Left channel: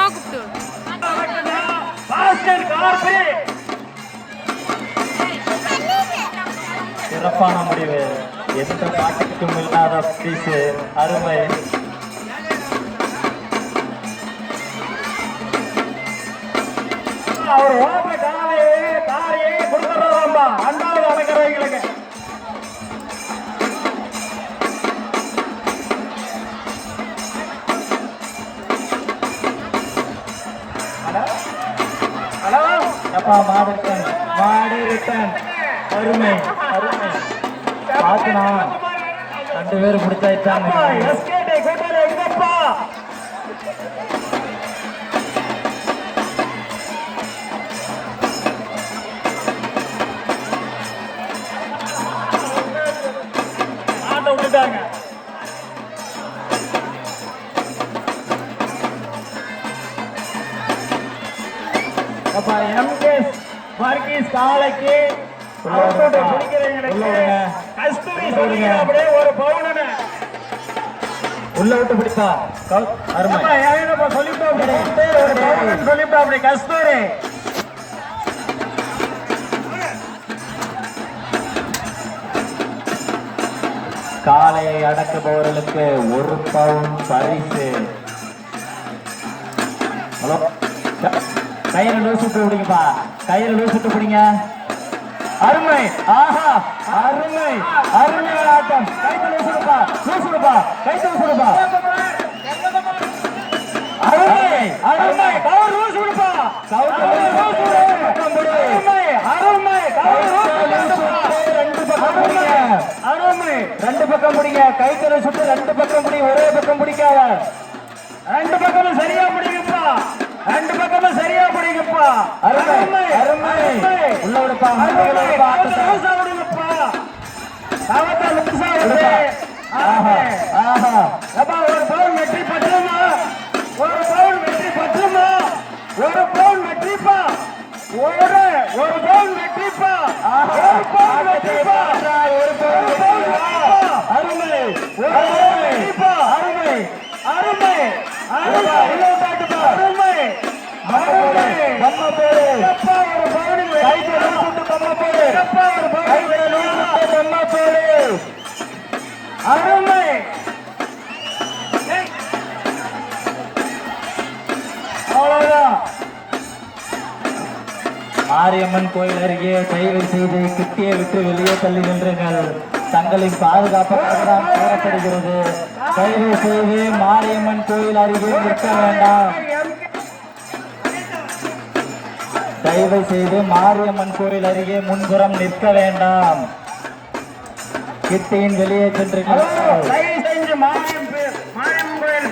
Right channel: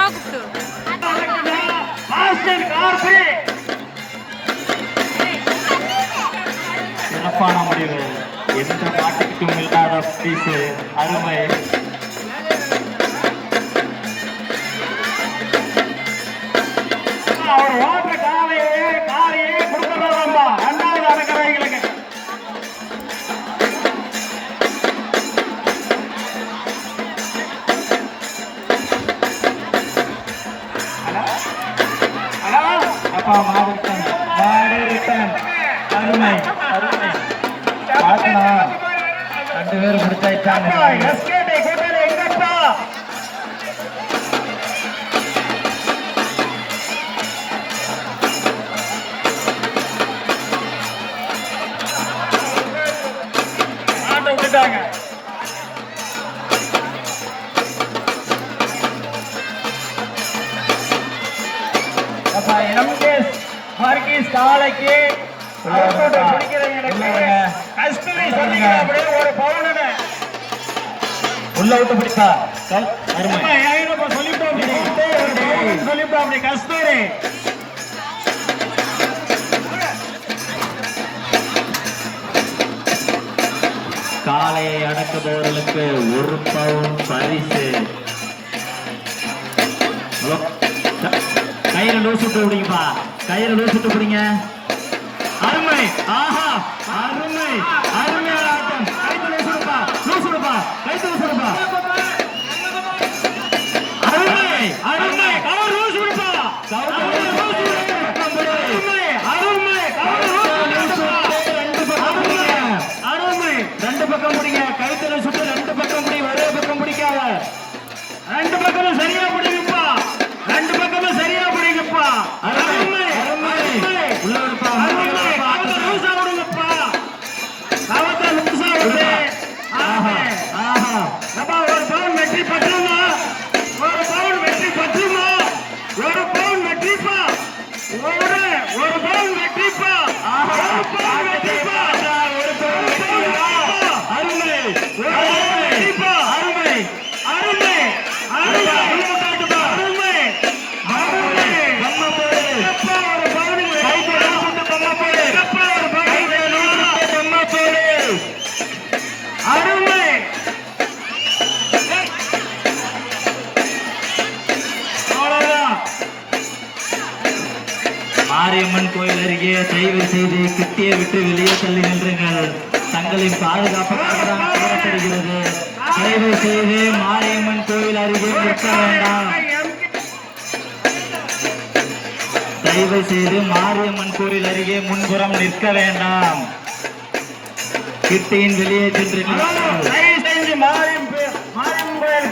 அம்மா கூப்பிட்டு சிறப்பான முடிவு. எந்த பாட்டுக்கும் இல்லாத பரிசு. அருமை. அவர் ஓட்ட காலையே கொடுக்கறதாம்பா ரெண்டாவது அடக்கிறவங்களுக்கு. அப்பா மாடு ரிட்டன். அருமை அருமை. பாத்துனா 2 பேரும் பிடிச்சாச்சாங்க. எஸ்கேட்டை கூட்டல எங்கப்பா ஆட்ட விட்டுட்டாங்க. அப்பா எம்கேஎஸ் வர்கீஸ் காலைக்கு உள்ள விட்டு பிடிப்பா. சொல்லிவிட்டோம் கஸ்தூரி. காளையை அடக்குபவர்களுக்கு 1 பவுன் பரிசு. ஹலோ, கயிறு லூசுட்டு பிடிங்கப்பா. கயிறு லூசுட்டு பிடிங்க. அருமை. ஆஹா அருமை அருமை ஆட்டம். கைத்துல லூசுடுப்பா கைத்துல லூசுடுப்பா. அருமை அருமை. கவர் லூசுடுப்பா. அருமை அருமை. அருமை. 2 பக்கம் பிடிங்க. கைத்துல சுட்டு 2 பக்கம் பிடி. ஒரே பக்கம் பிடிக்காத. 2 பக்கமும் சரியா பிடிங்கப்பா. 2 பக்கமும் சரியா பிடிங்கப்பா. அருமை அருமை. உள்ள விடுப்பா. லூசா விடுங்கப்பா. காவத்தை லூசா விடு. ஆஹா ஆஹா. அப்பா 1 பவுன் வெற்றி பற்றுமா? 1 பவுன் வெற்றி பற்றுமா? 1 பவுன் வெற்றிப்பா. 1 பவுன் வெற்றிப்பா. 1 பவுன் வெற்றிப்பா. 1 பவுன் வெற்றிப்பா. அருமை 1 பவுன் வெற்றிப்பா. அருமை அருமை அருமை. உள்ள விட்டாட்டுப்பா. அருமை அருமை. நம்ம போடு. அப்பா 1 பவுன் கைத்துல சுட்டு நம்ம போடு. அப்பா 1 பவுன் கைத்துல சுட்டு நம்ம போடு. அருமை. அவ்வளவுதான். மாரியம்மன் கோயில் அருகே தயவு செய்து கிட்டியை விட்டு வெளியே தள்ளி நின்றுங்கள். தங்களின் பாதுகாப்புக்காக தான் கூறப்படுகிறது. தயவு செய்து மாரியம்மன் கோயில் அருகே நிற்க வேண்டாம். தயவு செய்து மாரியம்மன் கோயில் அருகே முன்புறம் நிற்க வேண்டாம். கிட்டியின் வெளியே சென்று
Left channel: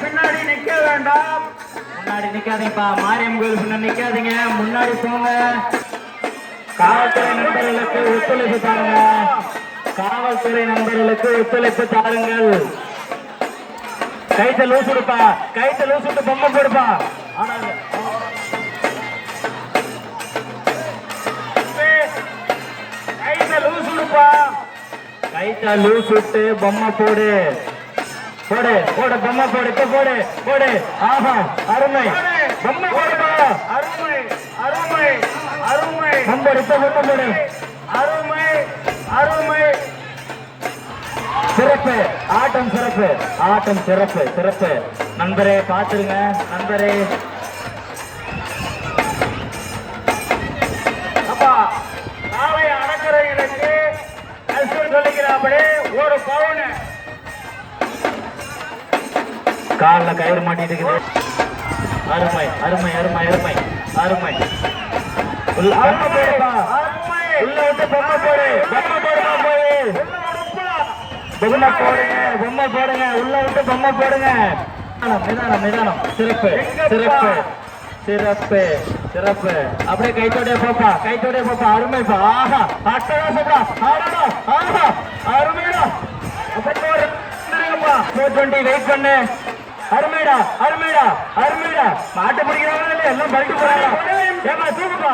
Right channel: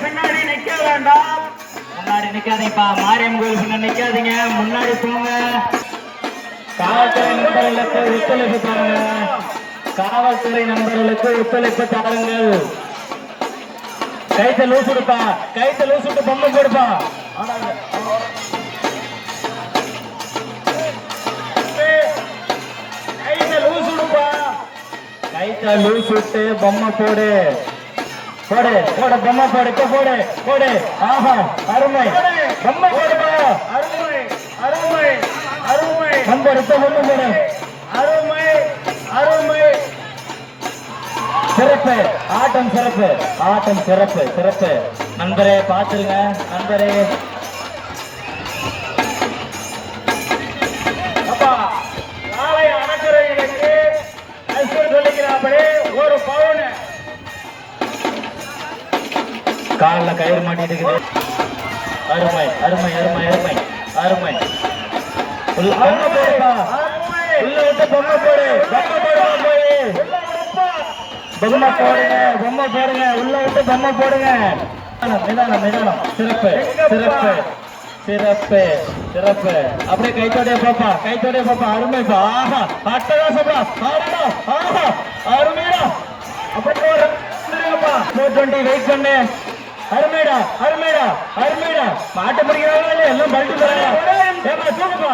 பின்னாடி நிக்க வேண்டாம். முன்னாடி நிக்காதீங்கப்பா. மாரியம்மன் கோயில் பின்னாடி நிக்காதீங்க. முன்னாடி போங்க. காவல்துறை நண்பர்களுக்கு ஒத்துழைப்பு தாருங்க. காவல்துறை நண்பர்களுக்கு ஒத்துழைப்பு தாருங்கள். கைத்த லூஸ் விடுப்பா. கைத்த லூஸ் விட்டு பொம்மை போடுப்பா. கைத்த லூஸ் விட்டு பொம்மை போடு. போடு போடு பொம்மை போடு. இப்ப போடு போடு. ஆஹா அருமை. பொம்மை போடுப்பா. அருமை அருமை அருமை. நம்பர் இப்ப பொம்மை போடு. அருமை அருமை. சிறப்பு ஆட்டம். சிறப்பு ஆட்டம். சிறப்பு சிறப்பு. நண்பரே பாத்துருங்க. நண்பரே அப்பா நாளை அடக்கிறவங்களுக்கு சொல்லிக்கிறாப்படி 1 பவுன். காலில் கயிறு மாட்டிட்டு இருக்குது. அருமை அருமை அருமை அருமை அருமை. உள்ள விட்டு பொம்மை போடு. பொம்மை போடுங்க. பொம்மை போடுங்க. உள்ள விட்டு பொம்மை போடுங்க. நிதானம் நிதானம். சிறப்பு சிறப்பு சிறப்பு சிறப்பு. அப்படியே கைத்தோடைய போப்பா. கைத்தோடைய போப்பா. அருமைப்பா. ஆஹா அட்டகாசப்பா. ஆடா ஆஹா அருமைடா. அப்படியே 420 வெயிட் பண்ணு. அருமைடா அருமைடா அருமைடா. மாட்ட பிடிக்கிறவங்க எல்லாம் பல்ட்டு போறாங்க. தூக்குப்பா.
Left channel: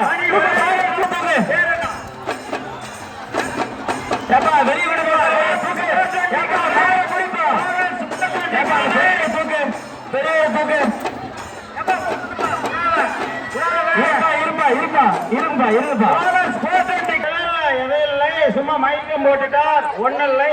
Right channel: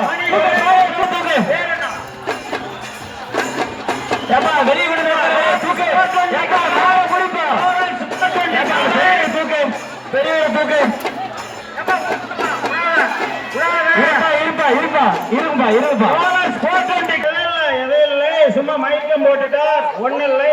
வெளியே விடுங்க. பெரிய தூக்கு. இருப்பா போனஸ் போட்டு எதுவும் இல்லை சும்மா மயக்கம் போட்டுட்டார் ஒன்னும் இல்லை